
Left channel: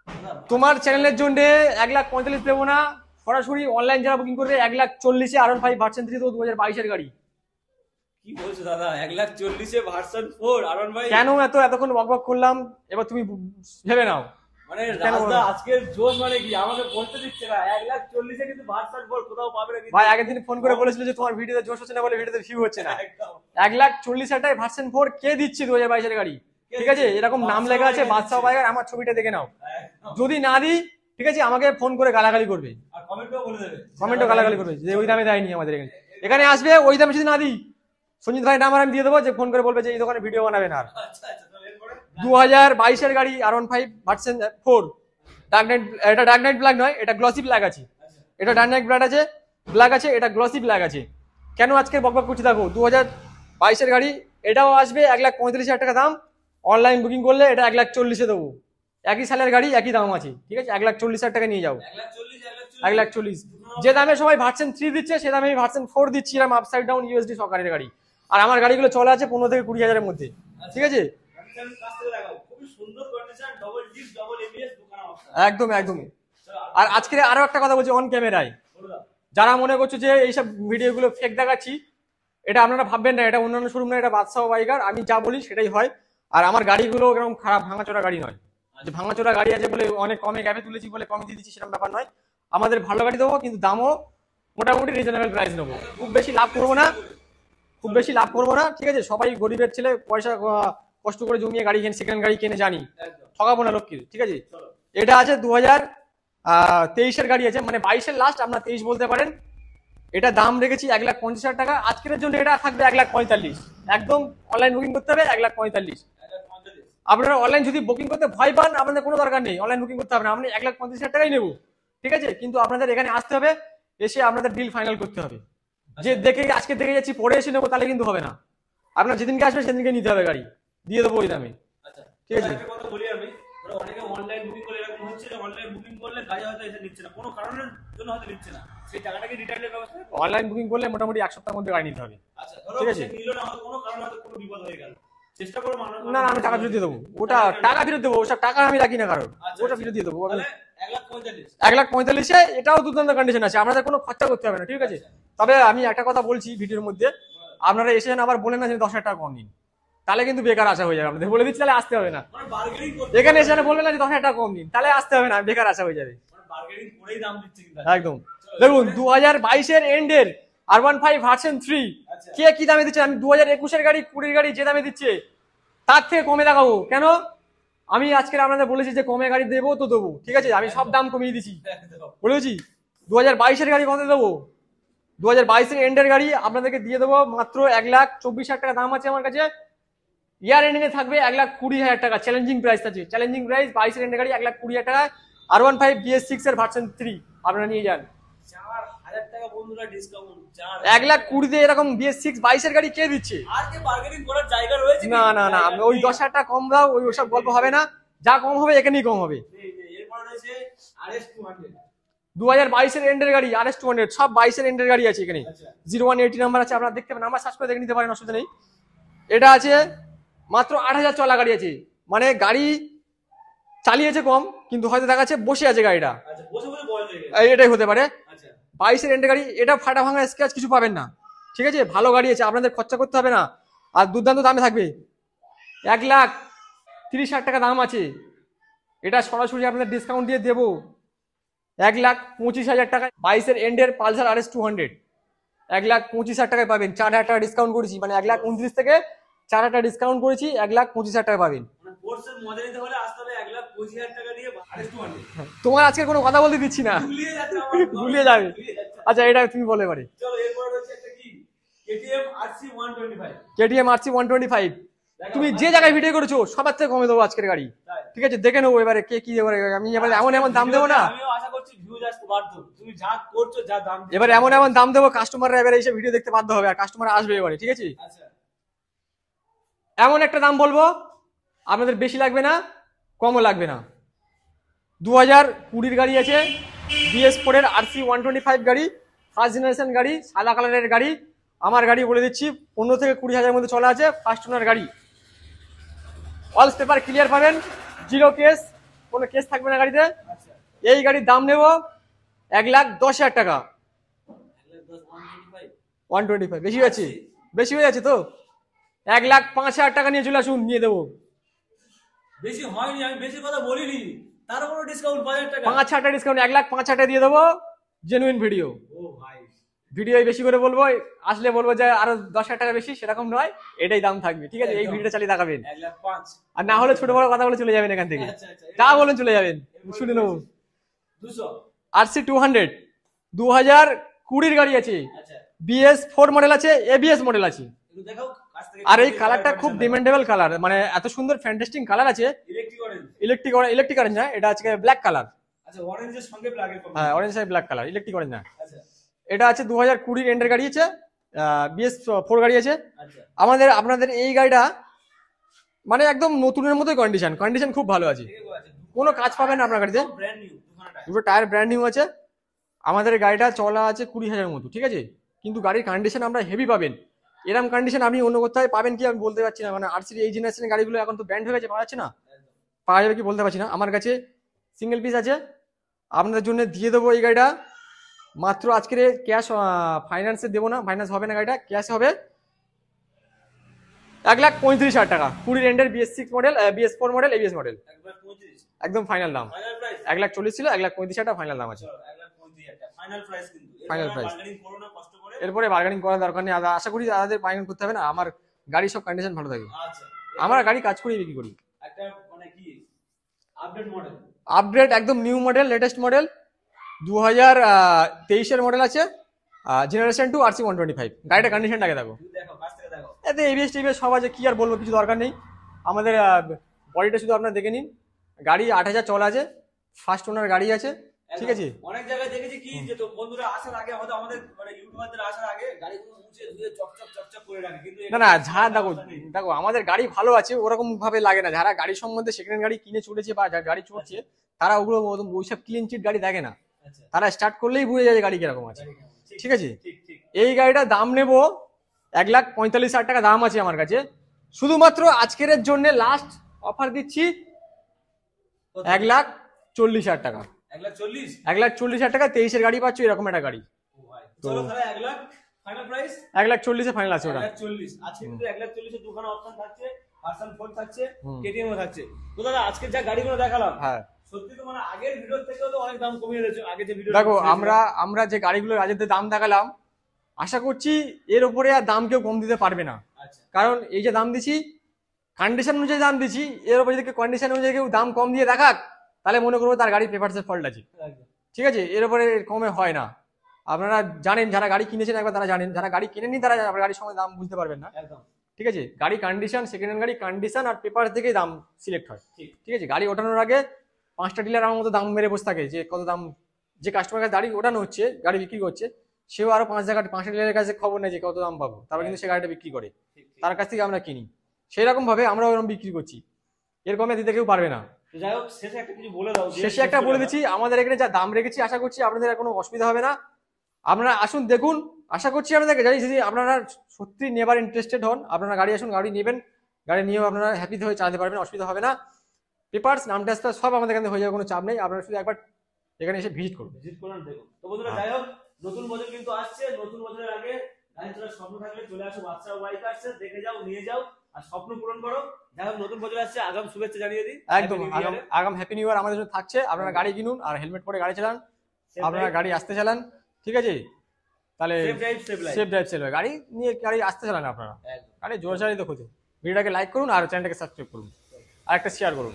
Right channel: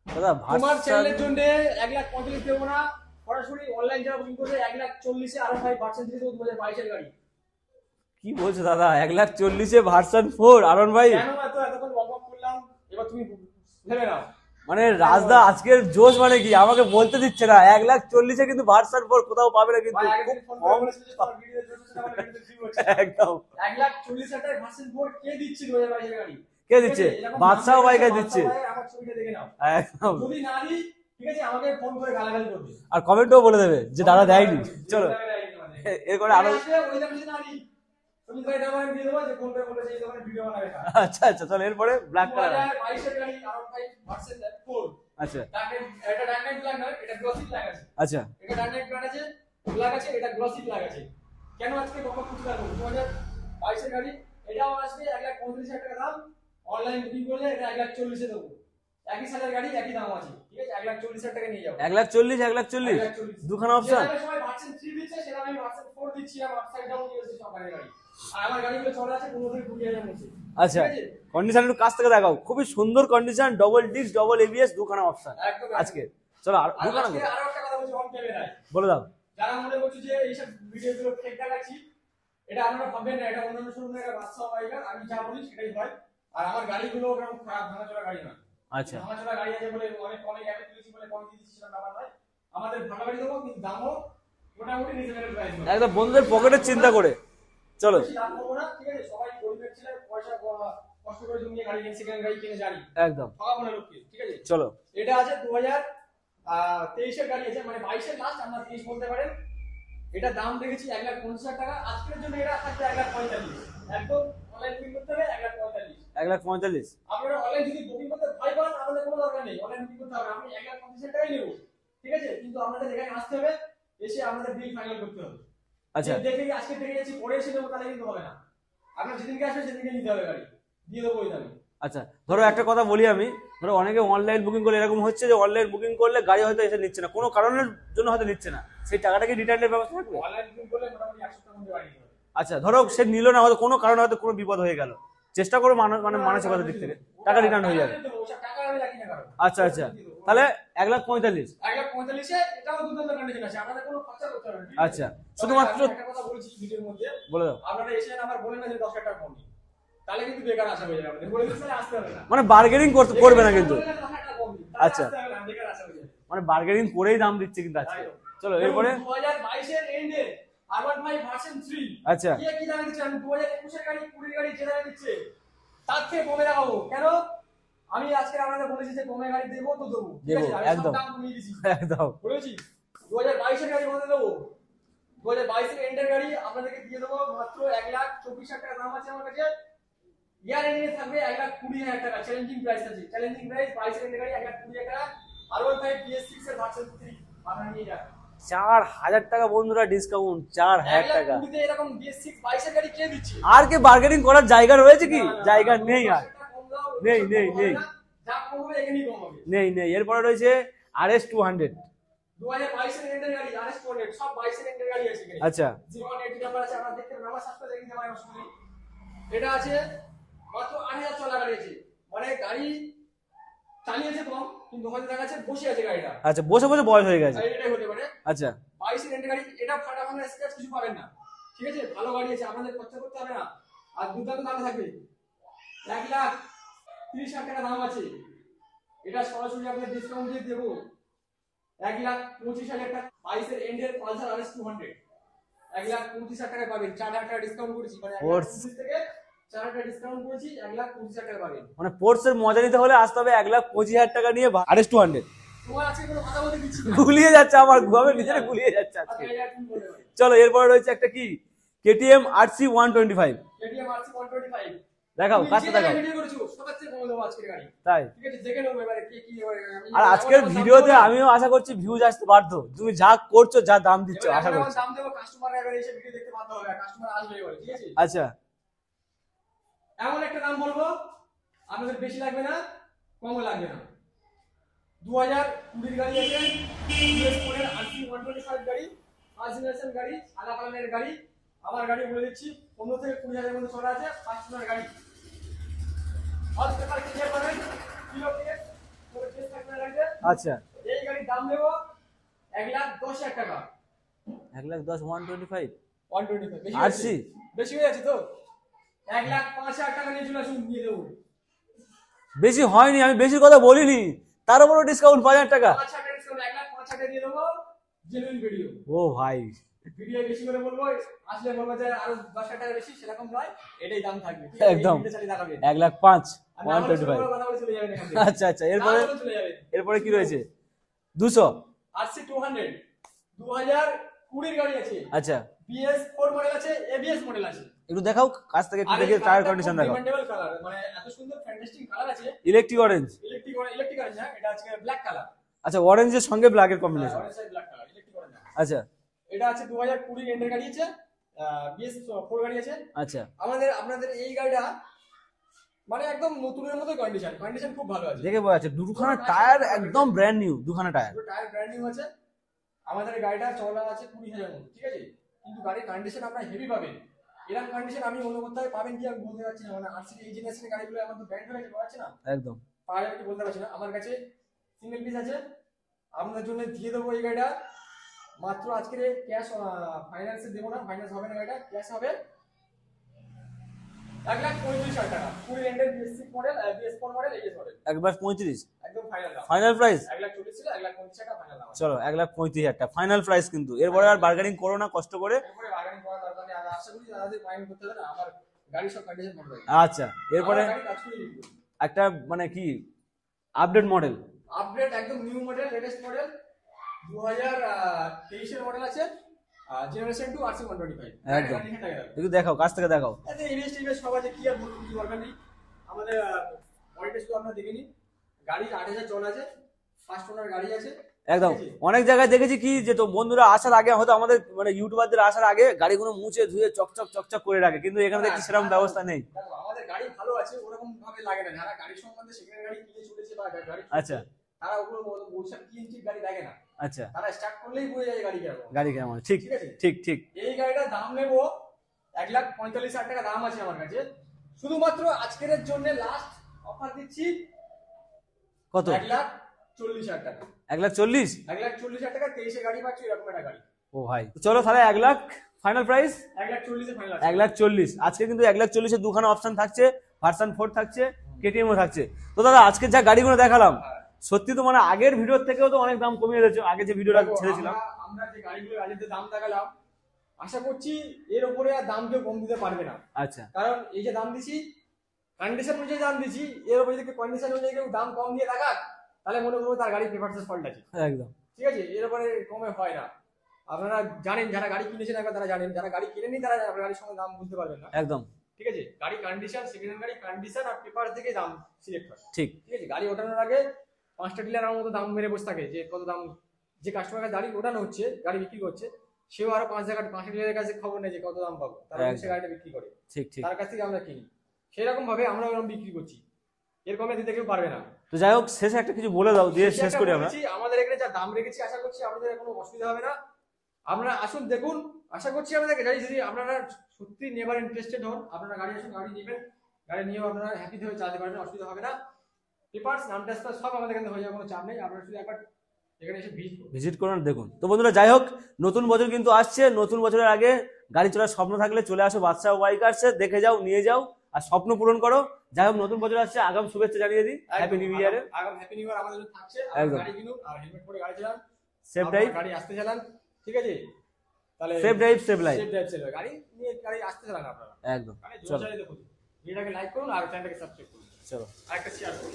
দাদা তোমার চ্যানেলের জন্য 1,45,000 দেবো না, সরাসরি অনলাইন যারা বুকিং করবে 1,40,000-এ R15 ভার্সন 3 তো 2022-এর গাড়ি। কি বলছো দাদা, 1,40,000-এ ভার্সন 4 আরন ভাই? কেন এতক্ষণ বকবক করলাম, এবার তুমি ভেবে নাও। মানে রাজদা আজকের জোশ মানে কি আমাকে বলতে দিচ্ছে না, 1,40,000-এ কিন্তু ভার্সন 4 কোথাও পাবে না কিন্তু। ভাই আগের দিন ফোন করে বলেছিল যে তোমার ভিডিওতে জোশ হচ্ছে না বলে ভিডিওতে ভিউ হচ্ছে না। একদম 1,40,000 টাকায় ভার্সন 4 কে দিচ্ছে 2022-এর গাড়ি? কে ঠিক আছে, দিচ্ছে? এরকম নাম বাদশাহ লেখা আছে ভাইকে বাদশাহ দিচ্ছে। ভাইয়ের, আমার ছবিটা দেখে নাও। একদম। যদি না দিই ঠিক আছে, আমাকে ফোন করে গালাগালি করবে আর কমেন্টও বলে দেবে যে দাদা গালাগালি দেয়নি। করবে যে ওই দামে দেয়নি আমাদের এখানে। এরপরে এখানে আসবে ওই দামে যদি না দিই, সঞ্জিত ভাই নাম্বার আমি দিয়ে দেবো, যে ফোন করে বলবে যে এই দোকানে ভিডিও বানাবে না। আচ্ছা আচ্ছা, চলো এরপরে 2022-এর গাড়ি R15 ভার্সন 4। আচ্ছা ডার্ক নাইট, এটা ডার্ক নাইট ব্ল্যাক নয়, এটা গ্লসি ব্ল্যাক আছে। আচ্ছা এটা ডার্ক নাইট ব্ল্যাক আছে, ব্ল্যাক আছে, এটা গ্লসি ব্ল্যাক আছে। কেন আজকে বকবক করছি দেখো, 2022-এর গাড়ি, এটাও আসবে 1,45,000 টাকা দাম। অনলাইন বুকিং করলে এটা 1,40,000-এ দেবো। একই সালের গাড়ি, একই দাম আছে, ঠিক আছে, 1,40,000 টাকা নিয়ে যাও। 1,40,000 1,40,000 দুখানা যে দামে সবাই ভার্সন 3 দিচ্ছে, সে দামে ভার্সন 4 দিচ্ছি, এরকম আপসাইড ডাউন ইউএসডি সরকারের গাড়ি। আর আমার গাড়িগুলো চলে আছে 15 থেকে 20,000-এর মধ্যে। আচ্ছা ঠিক আছে, কন্ডিশন একটু কাছ থেকে দেখাও, খুবই সুন্দর condition, double disc, double ABS, দুখানা অপশন। একদম একদম। চলো আর আজকে আরো একটা কথা বলছি অন ক্যামেরায়, বলে দাও। যারা মনে করছো যে এইসব ভিডিওগুলো ফেক দেখাচ্ছি, এটা আপনারা ভাববেন না, এটা অন্যান্য শোরুম না, এটা বাদশাহ বাইকার, আমি যা বলি সেটাই হয়। আর আমার গাড়িগুলো এরকম খারাপ ভাঙাচোরা গাড়ি নয়। আচ্ছা ভাঙাচোরা গাড়ি আছে বলে অনেক কমে গ্যাপে তুলেছি বলে কমে দিয়ে দিচ্ছি, সেরকম ব্যাপার নয়। আমাদের ভালো গাড়ি দেবো, কিন্তু দামও মোটামুটি রিজনেবল প্রাইস নেবো, একদম বন্ধুদের পকেটের চিন্তা করে। চলো বেশি লাভ করবো না, ঠিক আছে, সবাই গরিবের ছেলে, পয়সা কষ্ট করে জমিয়ে গাড়ি কেনে, সেকেন্ড গাড়ি কিনে, জানি একদম ঠকাবো না লোককে। ঠিক আছে, চলো এটা আছে 2023-এর গাড়ি আছে, মানে 22-এর লাস্ট, আপনার 23 বলতে পারেন। এটা দাম রেখেছি 1,50,000 টাকা, আজকের জন্য এটা থাকবে 1,45,000। একদম অনলাইন বুকিং করতে হবে 1,45,000। 1,45,000 আপনারা অনলাইন যদি বুকিং করতে ভয় পান, আপনাদের কোনো দরকার নেই, অনলাইন বুকিং করতে হবে না, আপনি 1,50,000 টাকাই নেবো। ঠিক আছে, কিন্তু আপনাদের এখানে আসতে হবে, এসে আপনাদের ডিল ফাইনাল করতে হবে। যে দেখে আজকে দেখে যাচ্ছি পরে এসে নেবো, তাহলে কিন্তু হবে না। আপনার যেদিনকে আসবে সেদিনকে নিতে হবে গাড়ি, দিয়ে দেবো ওই দামে। আচ্ছা ধরো একটা কথা বলি আমি, ধরো অনেকে অনলাইন বুকিং করলে এরকম হচ্ছে যে অনলাইন বুকিং করলে গাড়ি হয়তো এসে নিচ্ছে না, কোনো কারণের জন্য হয়তো নিচ্ছে না, সেই টাকাটা কি রিটার্নের ব্যবস্থা থাকবে? অনলাইন বুকিং করলে মোটামুটি 1 সপ্তাহের মধ্যে গাড়ি নিতে হবে। আচ্ছা ধরো সে নিল না, হয়তো কোনো কারণে হয়তো কোনো বিপদ হয়ে গেল, চেষ্টা করো না, আমি টাকা ফেরত দিয়ে দেবো, ওটা টাকা ফেরত দেবো, ওসব টাকা আমি রাখি না কারণ। আচ্ছা আচ্ছা দিয়ে দেবো, তাহলে 1,45,000। 1,45,000-এ এটাও দুর্দান্ত কন্ডিশন আছে, আপনাদের কোনো খরচা করতে হবে না। ঠিক আছে, আচ্ছা তবে আমি একটা কথা বলছি ভিডিওর মধ্যে, বলে দাও। আপনারা এসে আবার বলেন না যে 10,000 টাকা কম দিন, তাহলে কিন্তু বেকার আসা হয়ে যাবে। আপনাদের বলে দিচ্ছি, তাহলে আসতে হবে না, মানে বার্গেনিং করতে এখানে করবে না এসে কিন্তু। বললেন না যে 10,000 টাকা কম দিন, তাহলে আচ্ছা। আসতে হবে না, বেকার আসা হয়ে যাবে। মানে বার্গেনিং করেই দাম দিচ্ছে কিন্তু আজকে। একদম। চলো দেখুন এরপরে? 2022-এর এন্ডের R15 ভার্সন 3 আচ্ছা কে কি দামে দিচ্ছে, আমি 2021-এর গাড়ি 20-এর গাড়ি যে দামে দিচ্ছে তার থেকে কমে দেখাবো। কেন? আমি আজকে আপনাদের বলেছি যে কমে গাড়ি দেবো তো দেবো, ঠিক আছে, আমি সব একদম। দাম কমিয়ে দিচ্ছি, একদম বলেছি। 2022-এর গাড়ি কত দেবো? 2022-এর এন্ডের গাড়ি আপনাদেরকে দিয়ে দেবো মাত্র 1,24,000 টাকা দাম আছে আমার কাছে। ইয়ার এন্ডিং এ থাকবে 1,20,000 টাকা, চ্যালেঞ্জিং প্রাইস আছে, চ্যালেঞ্জিং প্রাইস 22-এর এন্ডের গাড়ি 1,20,000 টাকা। R15 BS6 এর ভার্সন 3 আপনারা নিয়ে যান, 4,000 টাকা বন্ধুরা ডিসকাউন্ট, 4,000 1,20,000 এরকম BS6 22-এর গাড়ি কে দিচ্ছে? আর কি বার্গেনিং করার জায়গা রয়েছে কি? না না, জায়গা ওই নেই 10,000 টাকা কম দাও, ওই নেই, সব নেই, গল্প হবে নেই। না, যা কম হবে এখানেই কম হবে। নেই নেই এরপরে রয়েছে RS 200। 2022-এর এন্ডের গাড়ি RS 200, সব 22-এর এন্ডের গাড়ি আছে এখানে। আচ্ছা 0180 নাম্বার আছে, আপনারা দেখতে পারেন, নাম্বার সার্চ করে দেখে নিতে পারেন, অসুবিধা নেই। এটা আছে মাত্র 8,000 চলা গাড়ি আছে, মানে গাড়ি চালিয়েছে কম, কিন্তু হয়তো দেখা যাচ্ছে বসে আছে গাড়িটা, আচ্ছা বসে বসে বয়স হয়ে গেছে। এটাই হতে পারে। আচ্ছা 22-এর এন্ডের গাড়ি, এটা ফাটা ভাঙা স্ক্র্যাচ কিছু পাবেন না, ঠিক আছে, ভালো গাড়ি আছে, আপনাদের খরচা করতে হবে না, আর দুর্দান্ত দামে থাকবে। 1,30,000 টাকা দাম আছে, এটা সরাসরি আপনাদের ডিসকাউন্ট দিয়ে দেবো 1,25,000 টাকায়। 22-এর এন্ডের পালসার RS 200 1,25,000 টাকায় পাবেন। 4,000 টাকা ডিসকাউন্ট করেছি, মানে 1,29,000 থেকে 4,000 টাকা ডিসকাউন্ট করেছি, 1,25,000 টাকা পাবেন। মানে পোর্টসের মজা নিতে হলে আসতে হবে 1,25,000 টাকা নিয়ে RS 200। তোমার আজকে কোনো কথা বলতে দিচ্ছি না, গুলিয়ে যাচ্ছে আমার, গুলিয়ে যাবে। গুলিয়ে যাচ্ছে। আচ্ছা এটা তুমি বলে এবারে। চলো এরপরে রয়েছে একটা কি KTM RC 125। KTM RC 125 দেখাও, তুমি কাছে যে জায়গায় দেখাও। ভিডিও করেছো সবার থেকে কমে দেবো আজকের গাড়ি, তাই ঠিক আছে? দেখে নেবো এবারে কে কি এবারে। আমি আর এবার এমন আজকের এমন দাম দেবো ভিডিওতে না, আমিও আশা করছি ভিউজ আসতে বাধ্য, তুমি যা করছো, যা দাম দিচ্ছ, এবার এমন এমন দাম দেবো কাস্টমাররা এবারে এসে ভিডিও দেখতে বাধ্য হবে, আর কাস্টমার আসবে এবারে, ঠিক আছে? আচ্ছা এমন একটা দাম বলবো আপনাদের বেশি লাগবে না, কমও লাগবে না। 2020 গাড়ি আছে, BS4 এর RC 125 গাড়ি, ফার্স্ট জেনারেশন গাড়ি, সাদা কালারের গাড়ি। আমার গাড়ি বলে দিচ্ছি 15 থেকে 20,000 মধ্যে চলা আছে, ফার্স্ট ওনার গাড়ি। অল পেপার ক্লিয়ার পাবেন, জিরো কেস, কোনো কেস থাকবে না গাড়িতে। আচ্ছা এই গাড়ির দাম নেব 1,10,000 টাকা। 1,10,000 125 125 বেশি হয়েছে, আশি। বেশি হয়ে যাচ্ছে তো। 1,05,000 টাকা নিয়ে চলে আসুন, নিয়ে দেবো। বেশি হয়নি, আমি বেশি কথা বলিনি, তার উপরে ডিসকাউন্ট 5,000 টাকা। 5,000 টাকা ডিসকাউন্ট, 1,05,000 টাকা দিয়ে দেবো। জেনুইন ভিডিও, ও ভাই ভিডিও বেশি করে বলবো, আসলে বলবো যে আরো 10,000 টাকা বেশি, সেরকম নয়, এটাই দাম থাকবে, ঠিক আছে? এই একদম। ভিডিওটা চালিয়ে দেখাবেন, 1,05,000। আর না হলে ছোট বড় কথা বলে চলে যাবেন এখান থেকে। আচ্ছা আচ্ছা তা বলেন চলে যাবেন। এরপরে কি শুনে রয়েছে? নেবো। 200। RC 200 2020 গাড়ি আছে, আচ্ছা BS4 মডেল আছে, ABS মডেল আছে। একটু দেখাও কাছ থেকে। আর এই কালারটা খুব ডিমান্ডেবল কালার, মানে এত সুন্দর ফ্যান্টাস্টিক কালার আছে। Electric orange. ইলেকট্রিক অরেঞ্জ না, এটা আজকে ব্ল্যাক কালার। আচ্ছা অরেঞ্জের সঙ্গে ব্ল্যাকের হ্যাঁ, কম্বিনেশন। অরেঞ্জ আর ব্ল্যাক কালার, ইলেকট্রিক অরেঞ্জ না। আচ্ছা এটা আছে 2020 এন্ডের গাড়ি আছে, BS4 গাড়ি আছে। আচ্ছা আপনাদের এই গাড়িটা মানে একদম নতুনের মতো কন্ডিশন খুব ভালো আছে, দেখে বোঝা যাচ্ছে কোনো কাজ পাবেন না আপনার গাড়িতে। একদম ব্র্যান্ড নিউ, দুখানা টায়ার। দুটো টায়ার ব্র্যান্ড নিউ আছে। আমাদের গাড়িটা চলা আছে 20,000 মতো, ঠিক আছে? কিন্তু গাড়ির কন্ডিশন আমরা হেভি পাবেন। এরকম কন্ডিশন আপনি অন্য কোথায় পাবেন কি আমি বলতে পারছি না, মানে RC এই জেনারেশনের গাড়িগুলো এখন তো ব্র্যান্ড হয়ে গেছে, পাওয়া যাচ্ছে না। একদম পাওয়া যাবে কি বলতে পারছি না। আমার কাছে সিঙ্গেল পিস আছে, আপনাদের জন্য দিয়ে দেবো এই গাড়িটা মাত্র আজকের ক্যাশ, ফাইন্যান্সে দেবো না, ফাইন্যান্স হবে না, গাড়িটা ক্যাশ হবে 1,35,000 টাকা। 20 এন্ডের BS6 model, BS4 model, ABS model, 1,35,000 একদম ফাইনাল দাম। Final price. 1,40,000 ছিল, 1,35,000 টাকা ফাইনাল দাম আছে। চলো 1,35,000 টাকা ফাইনাল প্রাইস, কিন্তু এরপরে Final আর price। বার্গেনিং করো না কষ্ট করে। এরপরে বার্গেনিং করার দরকার নেই, আশা করি তাদের বার্গেনিং করতে হবে না। আমার গাড়ি সব কন্ডিশন ভালো থাকে, আচ্ছা আমার এরপরে গাড়ি কাজ করি বিক্রি করি। একটা মানে কি আপডেট মডেল। আপডেট একদম new model, latest model, 2023 model আছে, জেনারেশন 2 RC 125। গাড়িটা কন্ডিশনটাকে দেখো, একটু দেখাও কাছ থেকে দেখাও। এতে ABS টিবিএস সব আছে, কি আর বলবো, কিছু দরকার নেই। আমাদের বডিটা শুধু আপনারা দেখে নিন। গাড়ি 8,000 চলা আছে, ফার্স্ট ওনার গাড়ি আছে, একদম ঠিক আছে? অনেক জায়গায় দেখেছি কি যে তো বন্ধুরা আসার আগে হয়তো আমাদের মানে ইউটিউবারদের আসার আগে গাড়িগুলো মুছে ধুয়ে চকচক চকচক করে রাখে, কিন্তু এখানে না, সেরকম ব্যবস্থা নেই। দেখো আমাদের গাড়ি ভালো আছে, ওরকম ভাবে লাগে না। যারা গাড়ি সম্বন্ধে সেকেন্ড গাড়ি কিনে চলেছে বা গাড়ি চলছে, আচ্ছা তারা ওগুলো ওইসব ক্লিন চিট গাড়ি দেখে না। আচ্ছা তারা স্টার্ট করলেই বুঝে যায় যে গাড়ি কিরকম আছে। গাড়ি কেমন? ঠিক ঠিক আছে, ঠিক ঠিক। এই গাড়িটার দাম নেব 1,45,000 টাকা দাম আছে আমার কাছে। শুধুমাত্র আজকের জন্য লাস্ট অফার দিচ্ছি কত? 1,40,000 টাকা। 1,40,000। 1,40,000 টাকা 23 গাড়ি পাচ্ছ, এরকম একটা গাড়ি। ও ভাই চলো তাহলে 1,00,000 ফাইনাল প্রাইস। 1,40,000 ফাইনাল আছে। 1,40,000 আজকে কিন্তু 1,40,000 দুখানা অপশন থাকছে, ভার্সন 4 থাকছে, হুম। KTM ও থাকছে। তো দাদা আজকে যা গাড়িগুলো দেখালাম, হ্যাঁ সত্যি তো মানে আগের ভিডিওর থেকেও তো অনেক দাম কমিয়ে দিয়েছো। আগে যে ভিডিও দেখো আমরা যে গাড়িগুলো রাজের দাম দেখালাম, আশা করছি এর উপরে আর দাম কেউ কম দিতে পারবে না। আচ্ছা কারণ এই যে দাম দিছি, কন্ডিশন অনুযায়ী দাম দিছি, এর উপরে যদি কন্ডিশন অনুযায়ী কেউ দাম কম দিয়ে দেখাক, তাহলে মনে করবো তার গাড়ির পেপারসের ফল্ট আছে, একদম ঠিক আছে? এর উপরে কমে হয় না। আপনারা জানেন, যারা গাড়ি কিনেছেন একবার তারা জানেন, যারা গাড়ি কিনেনি তারা গাড়ির সময় দাম বুঝতে পারবেন না, একদম ঠিক আছে? গাড়ি কন্ডিশন, সেকেন্ড হ্যান্ড গাড়ি কন্ডিশন আর পেপার থেকেই দাম সিলেক্ট হয়, ঠিক ঠিক আছে? গাড়ি ওঠানোর আগে 5টা ডিলার আমার মতো দাম মেরে বসে থাকে যে কত দাম। যে কাস্টমার কাছে গাড়ি ওঠানো হচ্ছে, গাড়ি বিক্রি করছে, সেও আরো 5টা ডিলারের কাছে খবর নেই যে কত দাম পাবো, তারা কিন্তু সে গাড়িটা বিক্রি করে, ঠিক ঠিক। তার কাছ থেকে আমরা কিনি। সেই রকম ভাবে আমরা ওরকম বিক্রি করছি, এর কমে দিতে কেউ পারবে না। তো যাই হোক শেষে একটা কিছু বলে দাও। শেষে একটা বলে দিচ্ছি, আমাদের এখানে যা দাম রেখেছি, আশা করছি আপনাদের আর কোনো অসুবিধা হবে না। আপনারা আসুন দেখুন, আশা করছি আপনাদেরকে যদি আপনারা সত্যি নেবার ইন্টারেস্টেড হন, আপনারা গাড়ি আসুন, গাড়ি নেবেন, গাড়ি নিয়েও আপনারা হ্যাপি হয়ে চালাতে পারবেন, অসুবিধা হবে না। পেপারস, নাম ট্রান্সফার সব আমাদের এখানে হয়ে যাবে, কোনো চাপ নেই। আপনারা শুধু একবার এখানে এসে ভিজিট করুন। ভিজিট করুন, দেখুন। তো বন্ধুরা যাই হোক, নতুন বছর কিন্তু আসছে, নতুন বছরের আগে গাড়ি চলার স্বপ্ন থাকলে চলে আসো বাদশাহ বাইকার্সে, দেখে যাও, নিয়ে যাও, আর স্বপ্ন পূরণ করো। যাই হোক, নতুন বছর আসছে, আগাম শুভেচ্ছা জানিয়ে দিই। একদম Happy New Year এর। আগাম হ্যাপি নিউ ইয়ার আমাদের জন্য থাকছে। আপনারা একদম। গাড়ি কিনুন আর হেলমেট পরে গাড়ি চালান, Safe আপনারা drive, গাড়ি আসতে চালান, ঠিক আছে? তাহলে safe drive, safe life। Safe drive save গাড়ি নিয়ে গাড়ি আসতে চালান আপনারা, একদম। গাড়ি জোরে চালিয়ে দেখুন। ভিডিওটাকে লাইক করুন আর চ্যানেলটাকে সাবস্ক্রাইব করুন চলো। আর একটা শেয়ার করুন।